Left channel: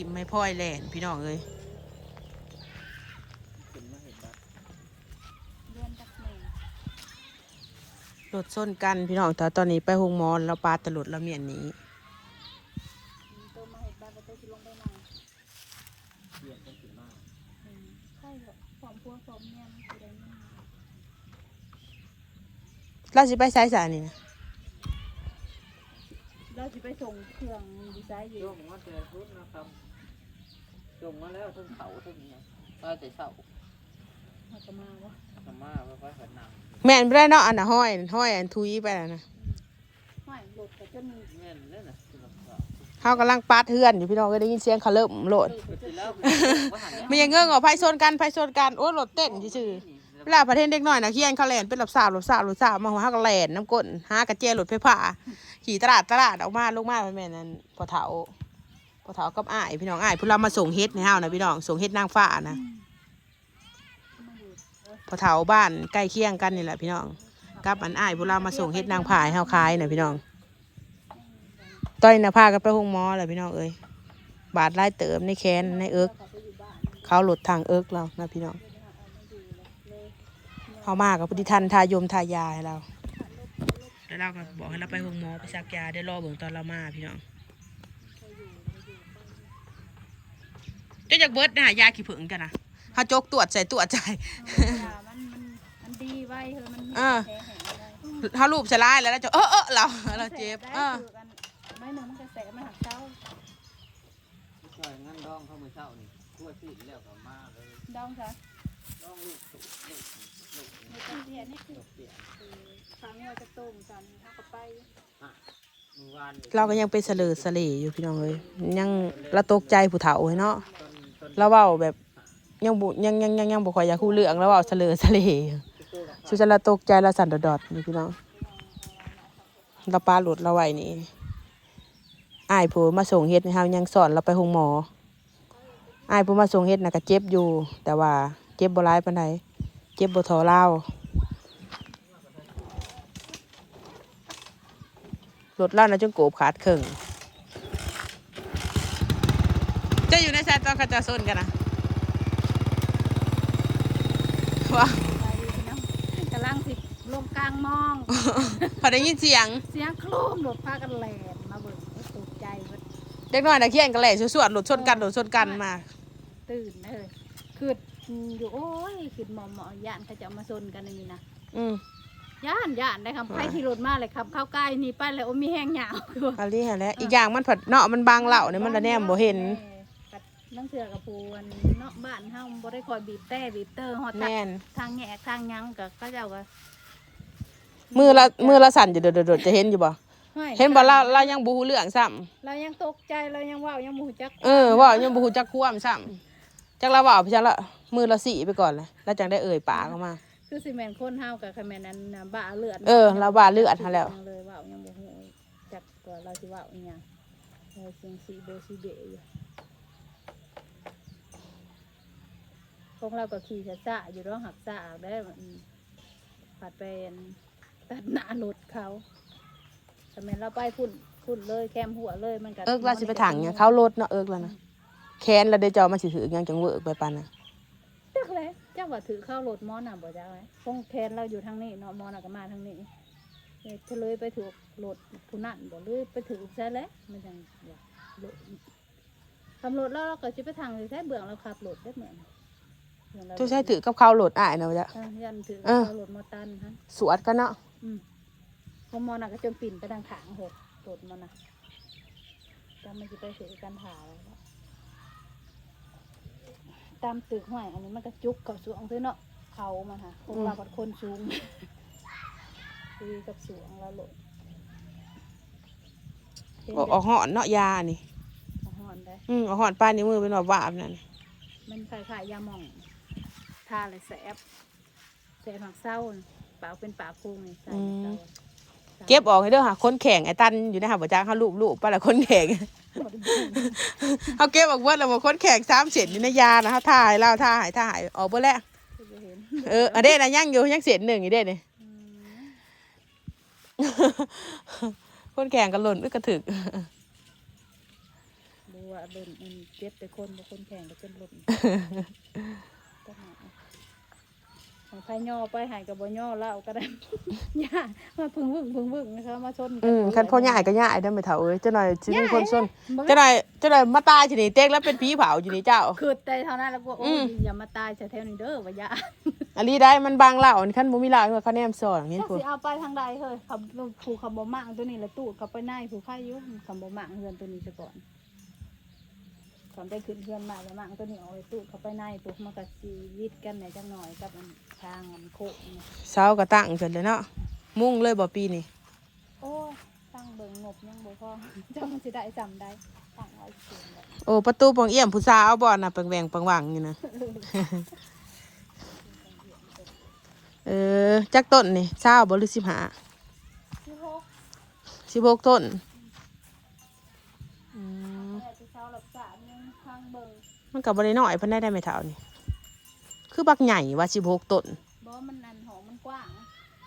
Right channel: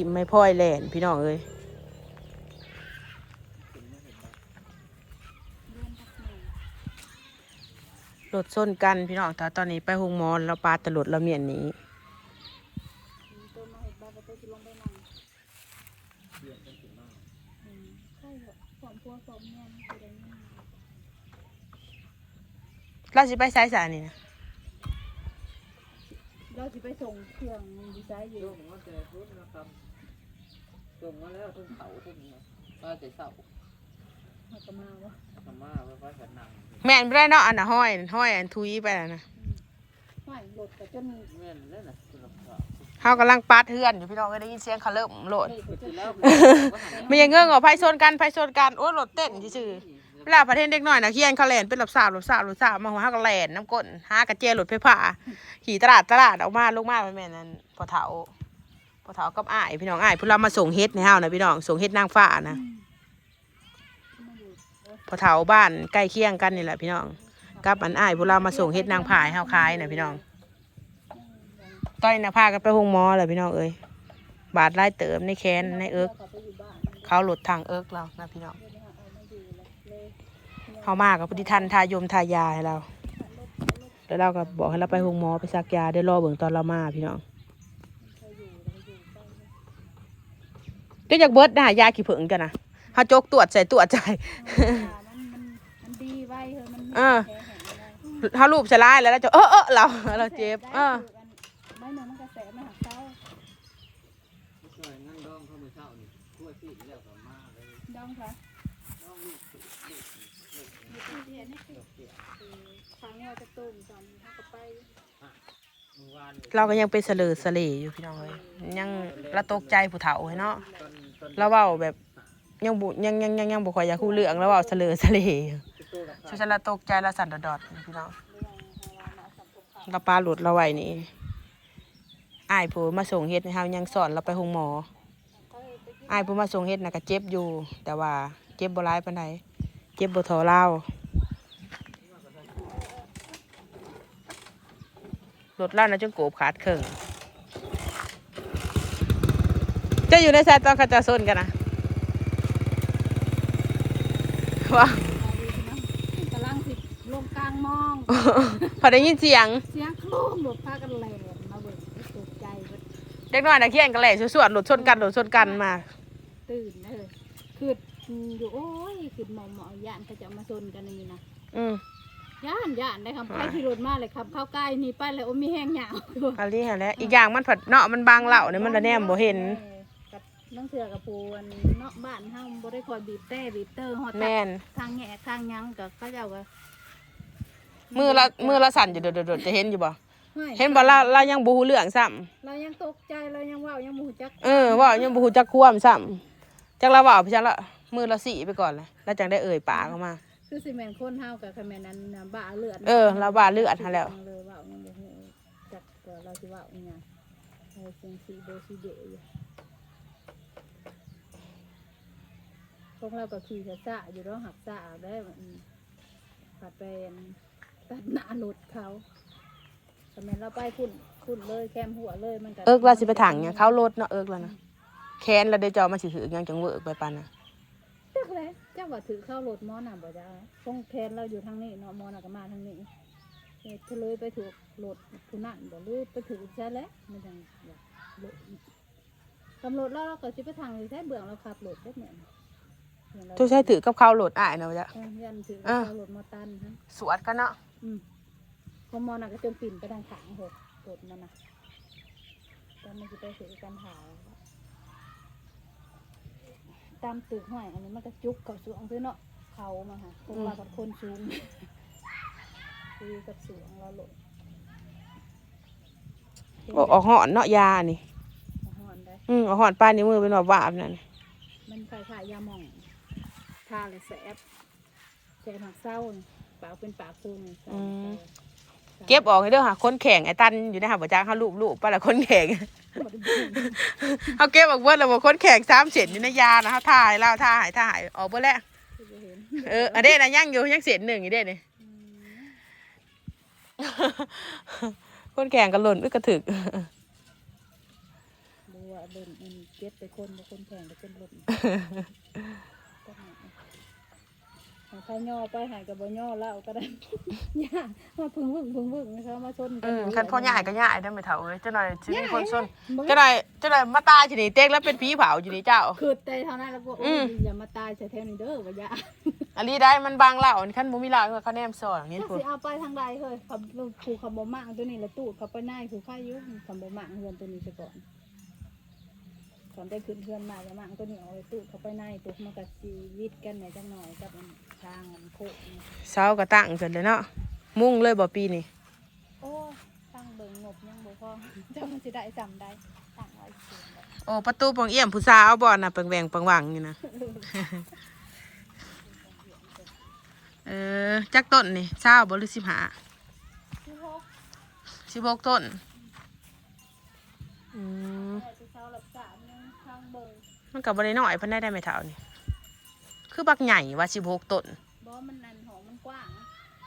ิมไม่พ่อยแหลนพี่น้องเอ้ยลดส้นกันพี่น้องแต่ตอนนี้ไปหงมอนเราปลาตลดเราเมียนนี้เราจะไปสายสารนี่นะเราจะไปส่งเครื่องดีไซน์อยู่ ช่วงว่าแต่พุทธนะครับส่งมาแล้วทั้งเขาทั้งเนี้ยว่าแต่เสามากมาวะธรรมาไว้ไว้กับนางแม่นไม่ได้เนาะอันน่ะห้อยห้อยอันทุยไปแล้วนะไม่หลดแต่จนแม่นเล่นน่ะคือราคาเขากำลังปาดเทือนอยู่พี่น้องก็ได้ยินเสียงเขาเริ่มโหลดไปกินแล้วไม่ยังเงื่อนเอาไพ่ชนกันไพ่ชนกันโอ้ยรถเต้นซื่อๆเวลาประเทศเด็กน้อยนะเคียนเขาแลนเป็นหลับสาวหลับสาวหลับสาวมาหัวหักแลนน้ำก้นหากระเจียรถไฟฟ้าขี่ตลาดตลาดออกมาลงมาไปแม่นั่นพอเถาพอ เถากับอ้ายพี่น้องอ้ายพูเรามาส่งเฮ็ดในห้านะพี่น้องส่งเฮ็ดนางฟ้านะมาอยู่เออพอเถาบ้านใกล้เคียงกันนี่แหละพี่น้องกับอันอ้ายพูเรามาส่งเฮ็ดนางผายห้าวคายนะพี่น้องตอนนี้ากันไปห้องหมอแหละพี่น้องเอ้ยบาดไล่เติมในแขนในเอิกกลับเขาหลุดทางเอิกเรานะพี่น้องเดี๋ยวเอามาอยู่เลยเลยเขามากับพอดีทันทายมทายาให้เราแล้วเราก็บอกให้เราไปโรงหมอไปซักยาได้รอเบิ่งตอนเรามาพี่น้องเจะจากเบิร์ดได้ยาขี้ผึ้งกันนะเขาจกตรวจใส่ตรวจใจมันมันมันดีไว้เฮ้ยมันมีอ่าแผลแห้งอะไรเขารูปสลายแล้วเราจะเออเออเราเราเจ็บเออไม่หนึ่งมันกระแสไม่หักเต้าช่วยงั้นดองเข้ามือเช้านี่ทั่วที่แล้วก็มาเลยดองค่ะดองนี่มีตัวเตี้ยนี่คือเสียฟังว่าจะต้มจำถ้าก็ไปมือวาน เราก็ยังเป็นเสลอเสลอยู่พี่น้องเลยยังเราตกใจผู้เฒ่าเนาะเราเว้าแบบยังบุยังยังยังยังบ่ค่อยอยากคู้เรื่องเราเว้าเสลอเสลอยู่ตู้ราคาสุจะละตกใจละสั่นดอดๆพี่น้องเราปลาหลุดเราไหวนี่อ้ายผู้มาส่งเฮ็ดให้เฮายังสอนเราไปหงหมออ้ายผู้มาส่งเฮ็ดน่ะก็เจ็บอยู่ แต่ว่าเจ็บบ่ร้ายปานใดเจ็บบ่เทอเล่า รถเล่านะจนโกบขาดครึ่งจะอยู่ในชายตอนเขาจะส้นกันนะว่าไปดีพี่น้องกำลังสิลงกลางมอง พอได้ยินเสียง เสียงโครมหลดพากันแหลนมาเบิ่งตกใจเบิดเด็กน้อยนะเคียนกันแหล่สวดๆหลุดชนกันหลุดชนกันมา ตื่นเลยคืออยู่โอ้ยคือหมอหมอย่านเขาจะเอามาซนกันนี่นะอืม ย่านย่านได้ครับใครขี่รถมาเลยครับ เข้าใกล้นี่ไปเลยโอ้มีแห้งหยาวคืออันนี้ฮะแล้วอีกอย่างมันผัดเนาะมันบางเหล่าเนี่ยมันจะแนมบ่เห็นกับนั่งเสือกับปูนเนาะบ้านเฮาบ่ได้คอยบีบแต่บีบเตอร์ฮอดตัดแน่นทางแหกทางหยังกับเขาเจ้าก็มือละมือละสั่นอยู่เดดๆจะเห็นอยู่บ่ห้ยเห็นบ่เราเรายังบ่ฮู้เรื่องซ้ำเรายังตกใจเรายังเว่ายังบ่ฮู้จักเออเว่ายังบ่ฮู้จักความซ้ำจักเราเว้าพี่จักละมือละสี่ไปก่อนเลยแล้วจังได้เอ่ยปากออกมา คือสิแม่นคนเฮากับคะแม่นอันน่ะบ้าเลือดเออเราบ้าเลือดหาแล้ว เลยเว่ายังบ่ฮู้จักตัวเราสิเว่าอีหยังเออเสียงสีเบสีเบอยู่พวกเราก็ขี่ช้าๆอยู่ร้องหักซ่าได้อืมผัดเป็นตัดหน้ารถเขาทำไมเราไปคุณคุณเลยแคมหัวเลยมันก็เอิกเราสิไปถังเนี่ยเขารถเนาะเอิกแล้วนะแค้นเราได้จอมาสิถือยังจังเวิร์กไปปานน่ะจักเลยจัก ว่าถือเข้ารถมอน่ะบ่จ้าไหมคงแทนเราอยู่ทางนี้เนาะมอน่ะก็มาทางนี้เอ๊ะเฉลยไปถูกรถผู้นั่นบ่เลยไปถือใช่แล้วมันจังว่าเลยทำรถแล้วเราก็สิไปทางใช้เบื้องเราขับรถได้เหมือนเบื้องเราทุกใช้ถือกับเขารถอ้ายเนาะจ้ะเออยันถือเออเข้ารถมอตันฮะสวดกันเนาะอืมพอมอน่ะก็จนปิ่นไปทางขางหกรถมันน่ะจำมันจะไปถือกันถ่าย ตามตึกห้อยอันนี้มันก็จุกกับสูงคือเนาะเขามาค่ะคนเราเป็นคนสูงคุยกับสูงแล้วโหลดออกออกหอนเนาะยานี่เอาหอนไปอืมออกหอนป้านนิ้วมือเป็นแบบวาบนั่นมันคล้ายๆยาหม่องทาเลยแสบแสบหักเศร้าน่ะปากเป็นปากพุงนี่ใส่หักเศร้า เก็บออกให้เด้อค่ะคนแข็งไอ้ตันอยู่ในหาบ่จ้างเขาลูบลูบไปละคนแข็งเขาเก็บออกเบิดแล้วบ่คนแข็งสามเศษอยู่ในยานะเขาถ่ายแล้วถ่ายถ่ายออกเบิดแล้วคือบ่เห็นเอออันเด้นะยังอยู่ยังเศษหนึ่งอยู่เด้นี่อืมคนแข็งกันหล่นไปกระถึกบวชว่าเดินมันเจ็บแต่คนบ่คนแข่งก็เป็นลมต้นไม้ ให้ใครย่อไปใหายกับบ่ย่อเล่าก็ได้ ย่ามาพึ่งพึ่งพึ่งพึ่งนะคะมาชนกัอืมคันพ่อใหญ่ก็ใหญ่ได้อไม่เท่าเอ้ยเจ้าหน่อยสิมีคนส่วนเจ้าหน่อยเจ้าหน่อยมาตายอยู่นี่เต็กแล้วเป็นผีเผาอยู่นี่เจ้า คือแต่เท่านั้นแล้วก็โอ้อืยมอย่ามาตายใส่แถวนี้เด้อว่าอย่าอันนี้ได้มันบางเหล่าคันบ่มีเหล่าก็คะแนนสอนนี่ถ้ากูสิเอาไปทางใดเฮ้ยเขาผูกเขาบ่มั่งตัวนี้แล้วตูดเขาไปในผูกไข่อยู่เขาบ่มั่งเฮือนตัวนี้ซะก่อนก่ อนได้ขึ้นเฮือนมาแล้วมั่งตัวนี้เอาไว้ตูดเขาไปในตูดมันก็สิวิดกันแหน่จังหน่อยกับอันทางมันโคกนี่เช้าก็ตั้งเสร็จเลยเนาะมุ่งเลยบ่ปีนี้โอ้ยตั้งเบิ่งงบยังบ่พอจังมันสิได้จำได้ตั้งเอาเสียงแบบโอ้ประตูปองเอี่ยมผู้สาวบ่น่ะเปิงแหวงเปิงหวังนี่นะ เออจักต้นนี่เช้าบ่หรือสิบห้าที่หกสิบหกต้นอืมแต่ มันก็บ่ได้น้อยเพิ่นได้ได้ไม่เท่านี่คือบักใหญ่ว่าสิบหกต้นบ่มันอันหอมมันกว้าง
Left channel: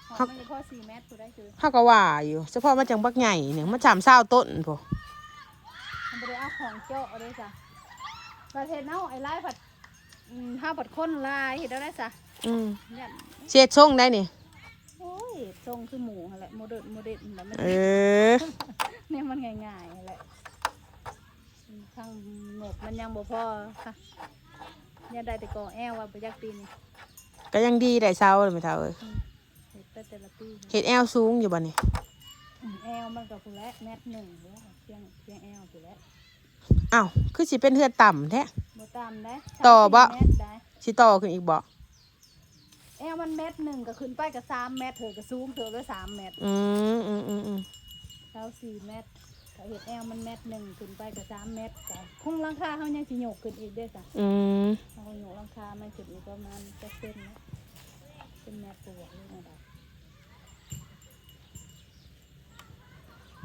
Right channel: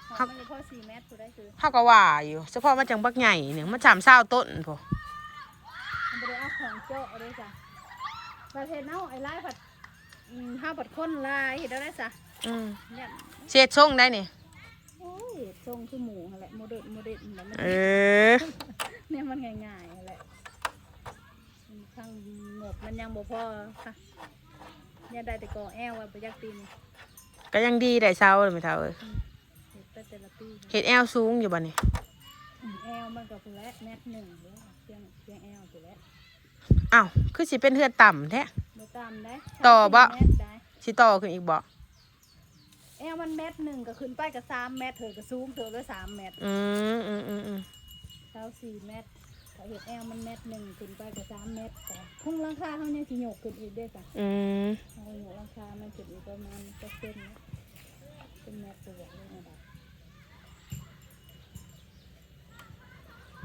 หอครัมบไม่ได้พอสี่เมตรกูได้คือเฮาก็ว่าอยู่เฉพาะมันจังบักใหญ่เนี่ยมันสามเศร้าต้นพอมันบ่ได้เอาของเจาะเอาเลยจ้ะประเทศเนาะไอ้ลายผัดอืมห้าผัดคนลายเห็นแล้วได้จ้ะอืมเนี่ยเช็ดทรงได้นี่โอ้ยทรงคือหมูหั่นแหละโมเดิร์นโมเดิร์นแบบมันเออเนี่ยมันง่ายๆหั่นแหละ ทางหมดมันยังบ่พอค่ะเนี่ยได้แต่กอแอลว่าประยักปีนี้ก็ยังดีได้เช้าเลยไม่เท่าเอ้ยเห็ดแต่แต่ละปีเฮ็ดแอลสูงอยู่บ่นี่อืมแอลมันก็ผู้แรกแมทหนึ่งแล้วเพียงเพียงแอลผู้แรกอ้าวคือสิเป็นเฮือนต่ำแท้ บ่ตามได้ต่อบ่ แมทได้ สิต่อขึ้นอีกบ่แอลมันเม็ดหนึ่งก็ขึ้นไปกับสามเมตรเถอะก็ซูมเถอะด้วยสามเมตรอืมอืมอืมอืมเท้าสี่เมตรถ้า เห็ดแอลมันเมตรหนึ่งขึ้นไปกับสามเมตรแต่คงราคาเขายังสิโยกขึ้นอีกเด้อจ้ะอืมเขาโยกราคามันขึ้นอีกประมาณจะเส้นนะเป็นเมตรตัวเลยนะแบบ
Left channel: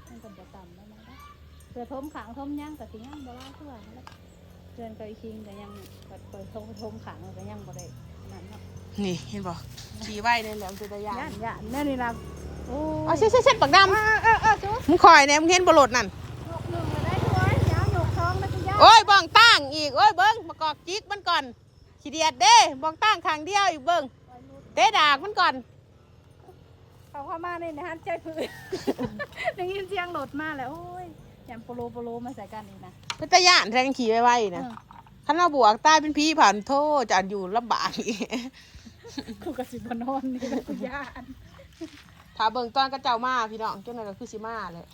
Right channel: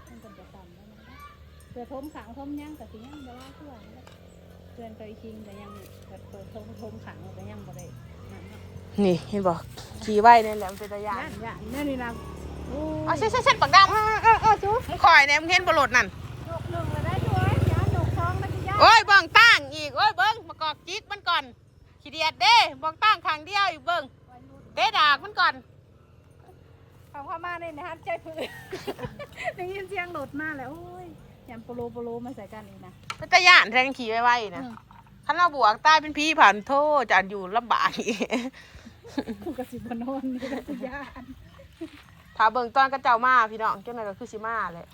มันก็จะต่ำแล้วนะเพื่อทมขางทมย่างแต่สิย่างบ่ได้เพื่อนแล้วเพื่อนก็อีกทีแต่ยังแบบเปิดทมทมขางแต่ยังบ่ได้นั่นเนาะนี่เห็นบ่ขี่ไว้นี่แหละมันเป็นตะยานย่านย่านเนี่ยนี่นะ โอ้อ๋อเช็ดเช็ดเช็ดปากดำเออเออเออจุ๊บมึงคอยเนี่ยมึงเห็นบ่รถนั่นหลบหนึ่งก็ได้ด้วยเดี๋ยวหลบสองมันจะยากโอ้ยบ้องตั้งอีกโอ้ยเบิ้งมากอกจิกมันก่อนขี้เดียดเด้บ้องตั้งข้างเดียวอีกเบิ้งเตะดากมันก่อนเขาเข้ามาในนะฮะใจผืนได้ยินเสียงโหลดมาแล้วโอ้ยยำโปโลโปโลมาใส่กันนี่นะเป็นตะยานแทนขี่ไว้ๆนะเออขันเราบวกใต้เป็นพี่ผ่านโทษจะอยู่ลำบากอีกกูกระสิบนอนนี่แล้วกูย่าน ถ้าเบิ่งตอนกระเจ้ามาพี่น้องเจ้าหน่อยก็คือสิมาเลย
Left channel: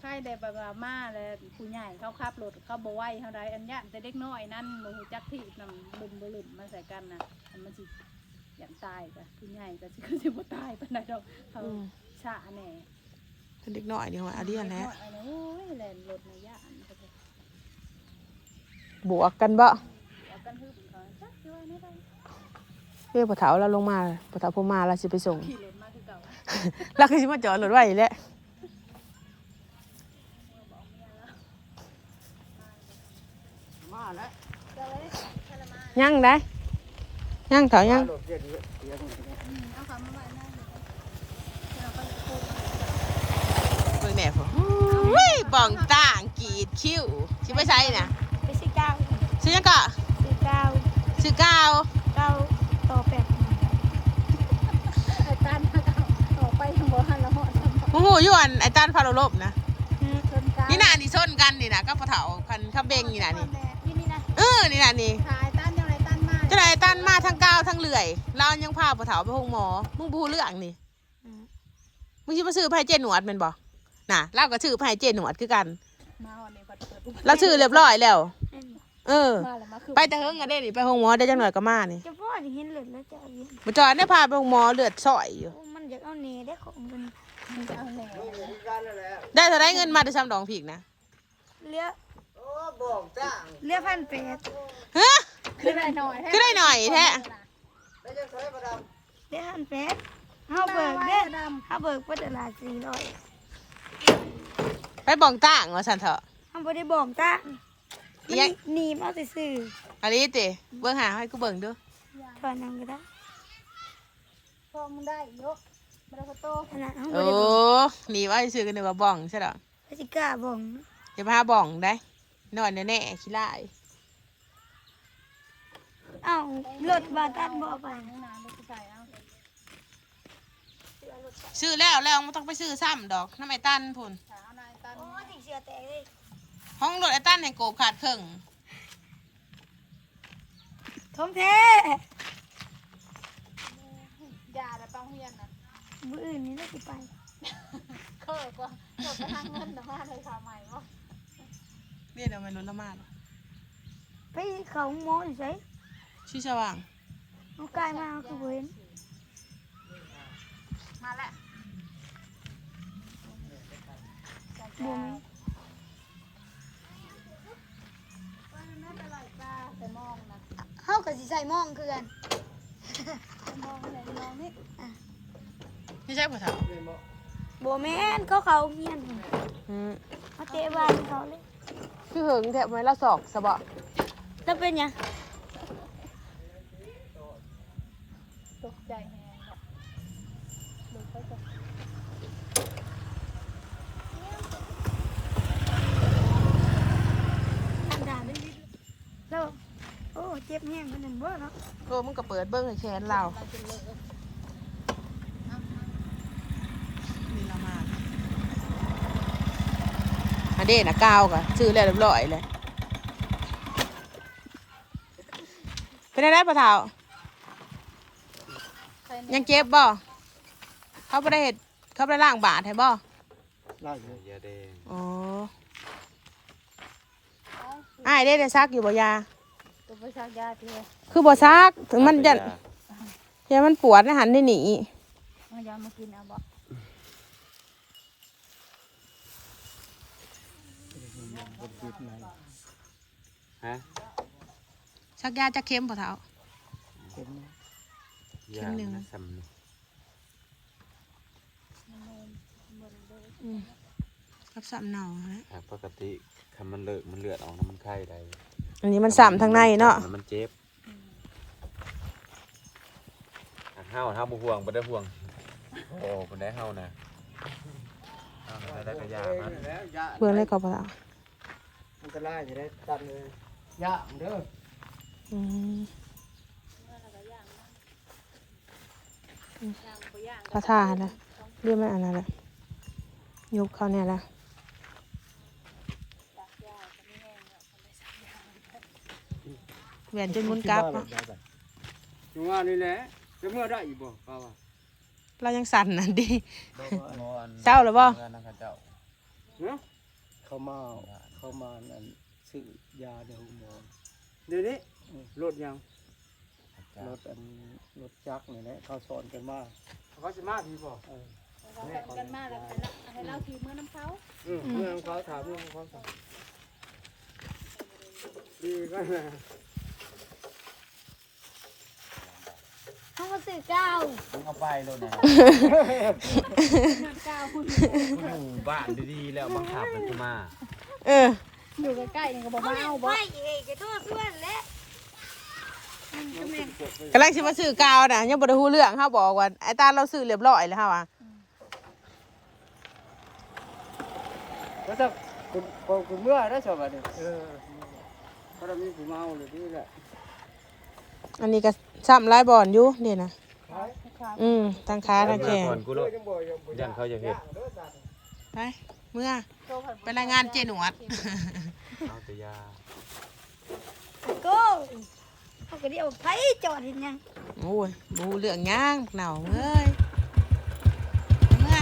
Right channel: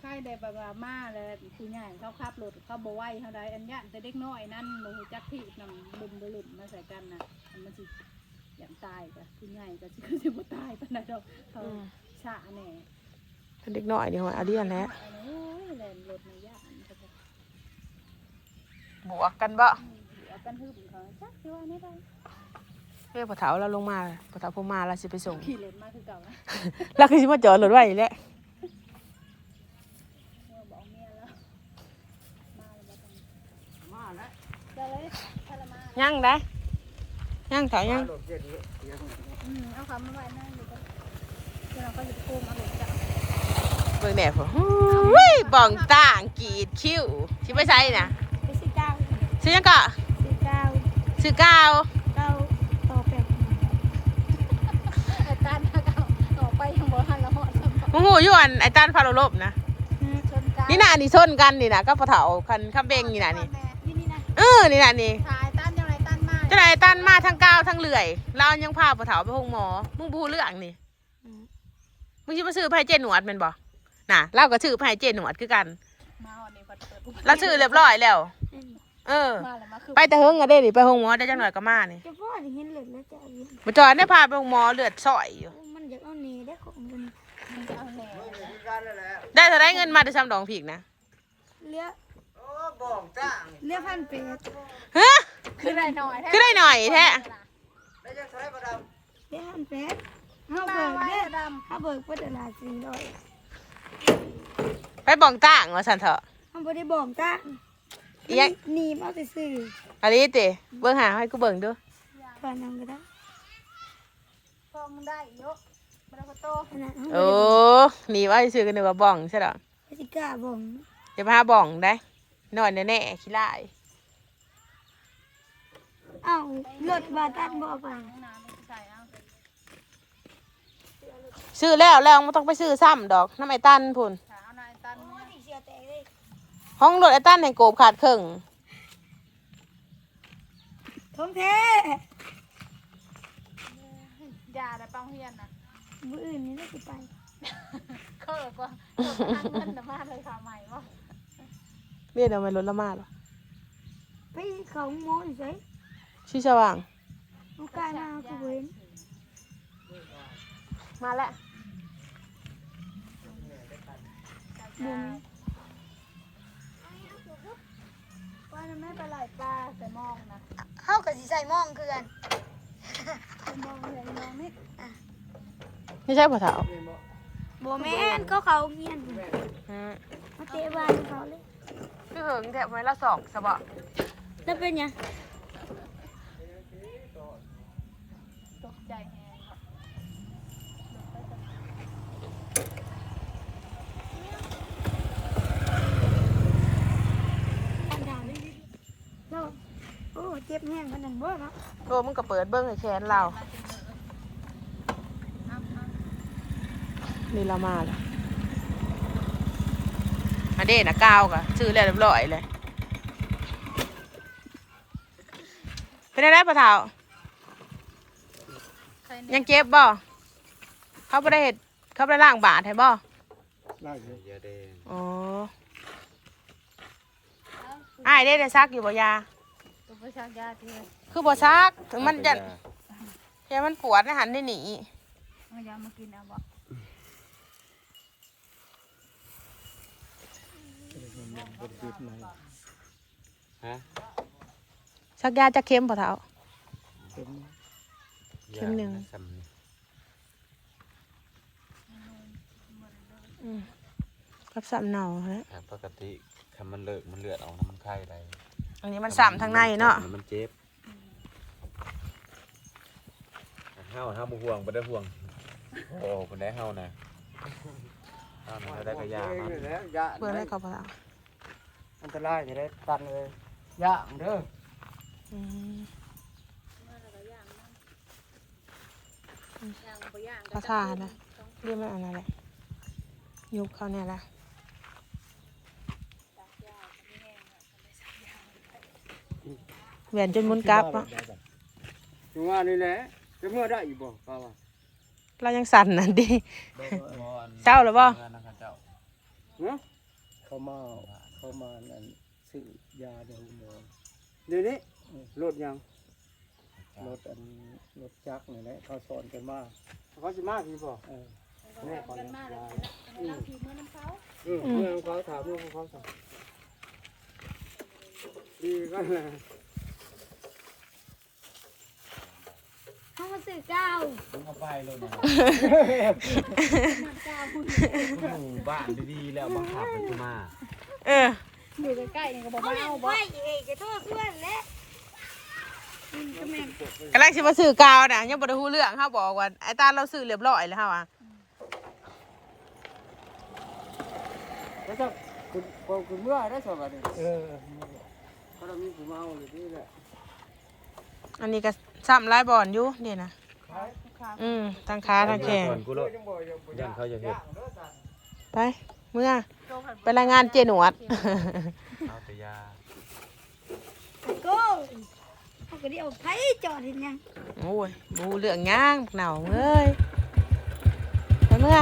ใครได้แบบว่ามาแล้วผู้ใหญ่เขาขับรถเขาบ่ไหวเขาได้อันย่านแต่เด็กน้อยนั่นบ่ฮู้จักที่นำบึมบ่ลึมมาใส่กันน่ะมันสิยันตายจ้ะผู้ใหญ่ก็สิคือสิบ่ตายปานใดดอกเขาอืมชะแน่เป็นเด็กน้อยนี่ว่าอาเดียนแหล้วโอ้ยแล่นรถในย่านก็จะ บวกกันบ่ เอากันฮึบเขาจักสิว่าไม่ได้ เรียกปะเถาเราลงมาเลยปะเถาพอมาเราสิไปส่งขี่เลนมาคือเก่าเราคือสิมาจอดรถไว้แหล้วมาแล้วเจะเลยทรมานยังได้ยังเถายังโดดเด่นเลยเสียงอืมเอาคำว่านั่นอยู่แล้วก็เลยพูดเบิ่งแม่ผมอุ้ยบ้องต่างกรีดคิ้วสิไปใช้น่ะไปสิเก้าซื้อยังก็สิเก้าซื้อก้าวเก้าต่อแปดไปกันต่อไปหัวหันละหอด มู หูอยู่อันไอ้ต้านพาโลบนะชนกันนี่น่ะนี่ชนกันนี่นะก็ปะเถาคันข้าเบงนี่น่ะนี่นี่นี่นะเออ นี่น่ะนี่สายต้านยังไงต้านมาเจ้านายตันมาทั้งก้าวทั้งเลื่อยเรายังพาปะเถาไปห้องหมอ มึงบูเรื่องนี่ มึงชิมาซื้อไผ่เจหนวดแมันบ่น่ะเราก็ซื้อไผ่เจหนวดคือกันมาหอดนี่พัดเปิดเราซื้อเรียบร้อยแล้ว เออมาแล้วมาคือไปแต่เฮิงอะเด้นี่ไปห้องหมอได้จังหน่อยก็มานี่จะพ่อที่เห็นเหลือแล้วจะเอาอยู่มาจอดได้พาไปห้องหมอเลือดสอยอยู่โอ้มันอยากเอาเนได้ของมัน เอาแหน่กันแล้วแหละได้เท่าได้เงินมาได้ซ้ำดองผีกนะเลี้ยโอ้บอกจ้างเลี้ยพันแปดฮะคือได้หน่อยคือได้หน่อยแท้แล้วจะใช้ประดับเลี้ยพันแปดเขาเบิกเด้อเขาเบิกเพื่อตลาดสี่ร้อยไปบ่องต่างว่าสันเถอะเขาบ่ได้บอกจ้าอีหยังหนีมาซื่ออันนี้ติเบิ่งหาให้กูเบิ่งดูๆตอนนั้นก็ได้พอมันได้เยอะ มันก็โตขนาดเขาบ่โอ้ได้บอกหนีว่าซื้อกันเดี๋ยวว่าบ่องใช่หรอพสิกล้าบ่งเดี๋ยวพาบ่องได้นอนแน่ๆขี้ไล่เอ้ารถบาตันบ่ไปซื้อแล้วแล้วไม่ต้องไปซื้อซ้ำดอกน้ำไอ้ตันพุ่นโอ้สิเสียแตกเลยห้องรถไอ้ตันให้โกบขาดครึ่งท้องแท้ยาได้ปังเฮียนน่ะ มื้ออื่นนี่ได้สิไปเคอก็เคอทางเงินน่ะมาเลยข่าวใหม่บ่เรียกเอามารถละมาหรอไปเขาหมอนี่ไสชื่อสว่าง เอากายมาเอาคือบ่เห็นมาแล้วบ่มีว่ามันไม่เป็นไรป้าแต่มองนะเฮาก็สิใส่หมองคือกันมองเลยมองนี่ ไม่ใช่ผัวเถาบ่แม่นเขาเขาเมียนอืมมาเตะบ้านเขาเลยพี่เหิงแถบไม้ละสอกสะบะแล้วเป็นหยังตกใจแฮงอะอันดาเลยแล้วโอ้เจ็บแห้งขนาดนั้นบ่เนาะโอ้มึงก็เปิดเบิ้งให้แขนเรานี่ ละมาแล้วอันเด่นะก้าวกะซื้อแล้วเรียบร้อยเลย เป็นอะไรปะเถายังเจ็บบ่เขาไม่ได้เห็ดเขาไม่ได้ล่างบาดให้บ่ล่างอยู่ยาแดงอ๋ออ้ายได้ได้ซักอยู่บ่ยาตัวประชากยาที่คือบ่ซักถึงมันจะจะมันปวดนะหันได้หนีมันยังมากินเอาบ่ บนจุดไหนฮะซักยาจะเค็มปะเท้าเต็มเข็มหนึ่งสำนึกอืมกับสามเนาฮะแต่ปกติถ้ามันเลิกมันเลือดออกน้ำมันไข้ได้อันนี้มันสามทางในเนาะมันเจ็บอันเฮาเฮาบ่ห่วงบ่ได้ห่วง โอ้บ่ได้เฮานะเฮาบ่ได้กระยามันเพื่อนเลยกับปะ เท้าอันตรายจะได้ตัดเลยย่างเด้ออืมยางบ่ย่างพระธาตุนะเรียกมันอะไรเลยยกเขาเนี่ยแหละแหวนจนมุนกลับอะจังว่านี่แหละจะเมื่อได้อีกบ่ป้าวเรายังสั่นนั่นดิเจ้าหรือบ่เพื่อนนะเจ้าเขามา เขามาอันซื้อยาเดี๋ยวหมอเดี๋ยวนี้รถยังรถอันรถจักรนี่แหละเขาสอนกันมาเขาสิมาพี่บ่เออเขาทำกันมาแล้วให้เราทีมือน้ำเขาเออเมื่อเขาถามเรื่องของเขาสั่งดีก็เลยเฮาก็ซื้อก้าวมึงเอาไปเลยนะมันก้าวพูดหมู่บ้านดีๆแล้วบังคับมันจะมา เอออยู่ใกล้ๆนี่ก็บ่เขามาเลี้ยงเอาไฟบ่เองก็โทษเพื่อนแหละมันก็แม่นกำลังสิมาซื้อกาวน่ะยังบ่ได้ฮู้เรื่องเขาบอกว่าไอ้ตาเราซื้อเรียบร้อยแล้วค่ะว่ะแล้วถ้าคุณพอคุณเมื่อได้สบายเลยเออถ้าเรามีผู้เมาหรือนี่แหละอันนี้ก็ซ้ำหลายบอนอยู่นี่นะอืมทั้งขาทั้งแขนก่อนกูโลดยันเขาจะเห็ดไปเมื่อ ไปรายงานเจหนวด เอาแต่ยาโก้เขาก็เรียกว่าไผจอดเห็นหยัง โอ้ยบูเรื่องย่างเหนาเอ้ยไปเมื่อ